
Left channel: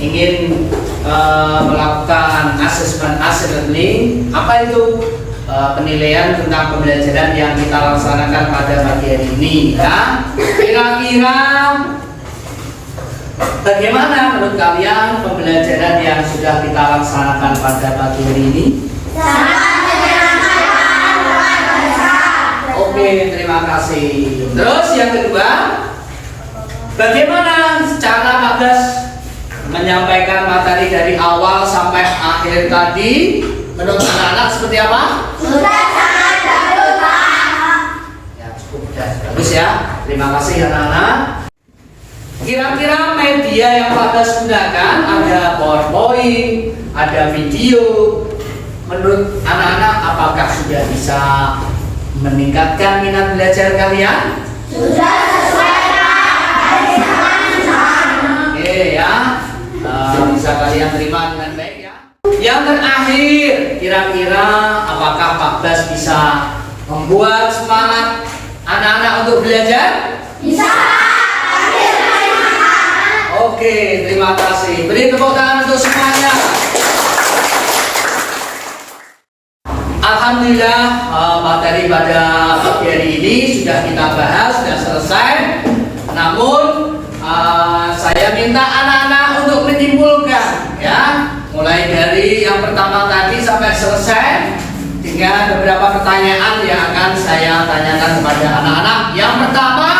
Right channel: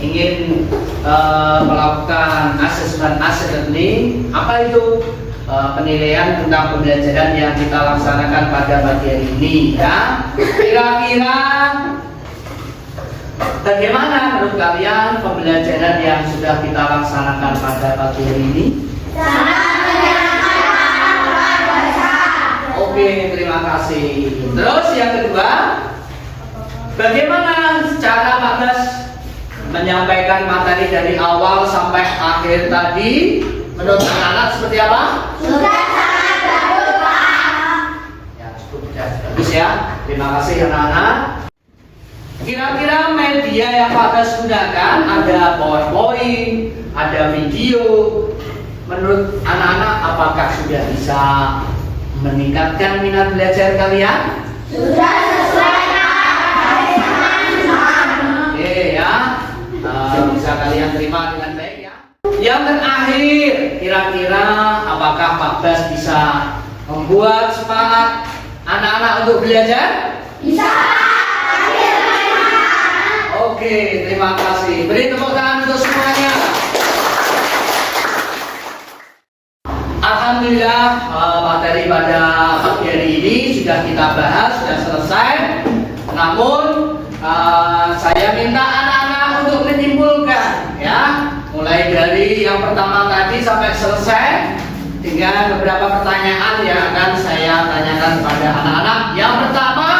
Ingin melakukan asesmen learning. Apa itu? Penilaian tentang pembelajaran yang kita laksanakan pada pagi hari ini, ya. Kira-kira bagaimana menurut kalian pembelajaran yang sudah kita laksanakan pada pagi hari ini? Oke, terima kasih. Terus yang kedua, bagaimana cara Pak Blas menyampaikan materi dari awal sampai akhir tadi menurut anak-anak seperti apa? Sudah sangat bagus, Pak. Ya cukup, bagus ya. Terima kasih anak-anak. Kira-kira media yang Pak gunakan ada PowerPoint, ada video. Menurut anak-anak apakah sudah bisa meningkatkan minat belajar kalian? Sudah sesuai Oke ya, bisa kalian terima dengan baik ya. Yang terakhir, kira-kira apakah Pak Bas bisa membuat semangat anak-anak untuk belajar? Bisa. Oke, terima kasih. Beri tepuk tangan untuk semuanya. Alhamdulillah, materi pada pagi hari ini sudah kita bahas, sudah selesai. Namun saya minta anak-anak untuk menyimpulkan ya, mulai dari yang pertama tadi sampai selesai dengan beberapa pertanyaan yang akan saya tanyakan kepada anak-anak. Yang pertama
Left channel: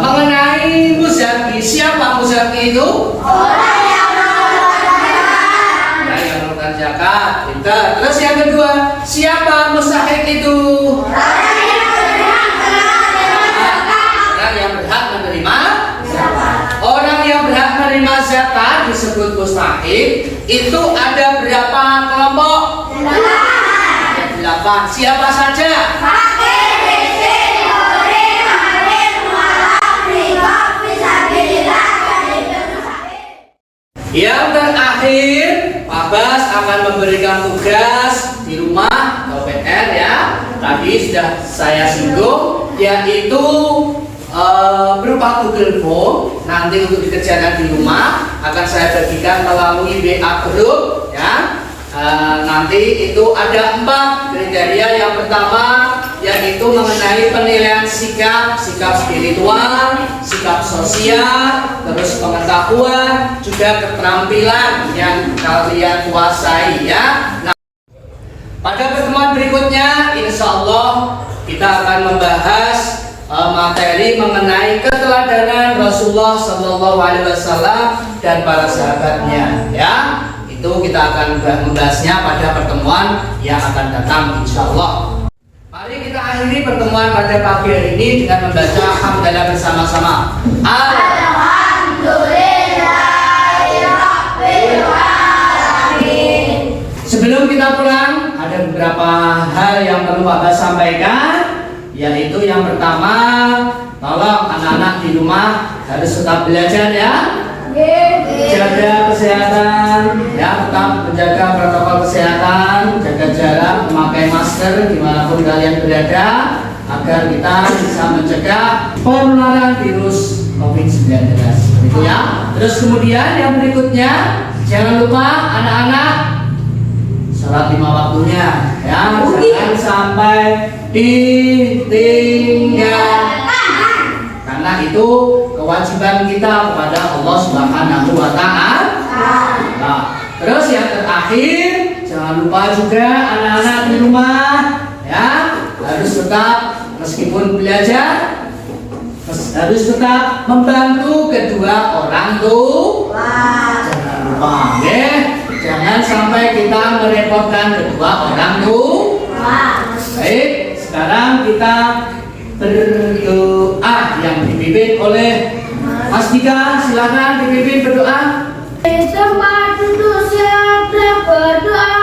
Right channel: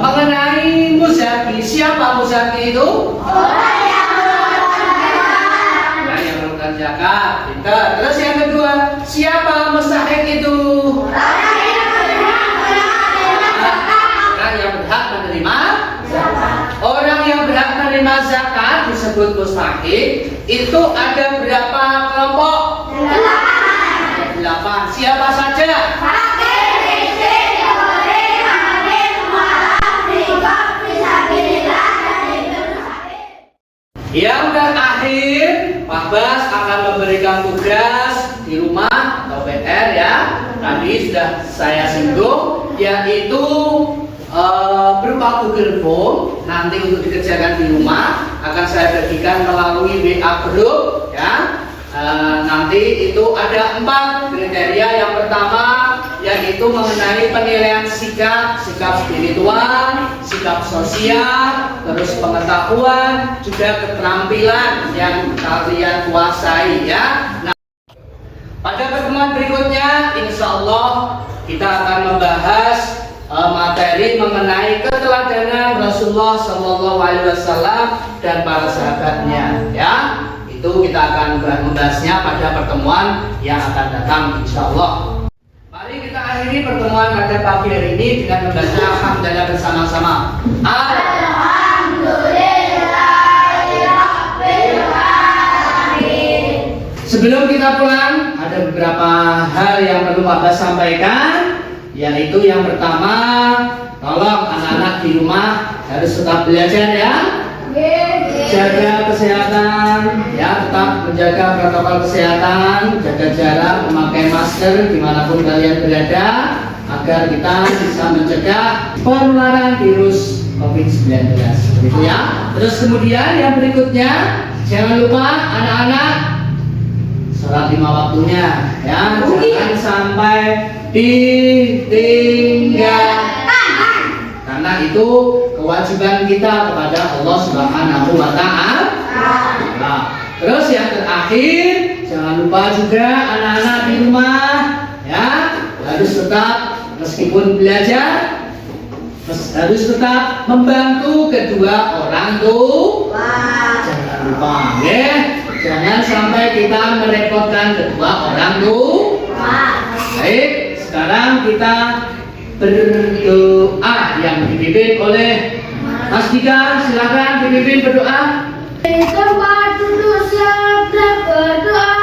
mengenai muzaki. Siapa muzaki itu? Orang yang mengeluarkan zakat. Pintar. Terus yang kedua, siapa mustahik itu? Orang yang berhak menerima zakat. Orang yang berhak menerima zakat disebut mustahik. Itu ada berapa kelompok? 8. Siapa saja? Yang terakhir, Pak Bas akan memberikan tugas di rumah atau PR ya. Tadi sudah saya singgung, yaitu berupa Google Form. Nanti untuk dikerjakan di rumah akan saya bagikan melalui WA group ya. Nanti itu ada 4 kriteria. Yang pertama yaitu mengenai penilaian sikap spiritual, sikap sosial, terus pengetahuan, juga keterampilan yang kalian kuasai ya. Nah, pada pertemuan berikutnya insya Allah kita akan membahas materi mengenai keteladanan Rasulullah SAW dan para sahabatnya ya. Itu kita akan membahasnya pada pertemuan yang akan datang insya Allah. Mari kita akhiri pertemuan pada pagi hari ini dengan membaca hamdalah bersama-sama. Alhamdulillahirrahmanirrahim. Sebelum kita pulang, ada beberapa hal yang perlu Pak Bas sampaikan, yaitu yang pertama, tolong anak-anak di rumah harus tetap belajar ya. Jaga kesehatan ya, tetap menjaga protokol kesehatan, jaga jarak, memakai masker dimanapun kalian berada, agar kita bisa mencegah penularan virus COVID-19 gitu ya. Terus kemudian yang berikutnya, jangan lupa anak-anak sholat 5 waktunya ya, jangan sampai ditinggal. Karena itu kewajiban kita kepada Allah Subhanahu wa Ta'ala. Nah, terus yang terakhir, jangan lupa juga anak-anak di rumah ya, harus tetap meskipun belajar harus tetap membantu kedua orang tua. Jangan lupa ya, jangan sampai kita merepotkan kedua orang tua. Baik, sekarang kita berdoa yang dipimpin oleh Mas Dika. Silakan dipimpin berdoa. Tempat duduk siap berdoa.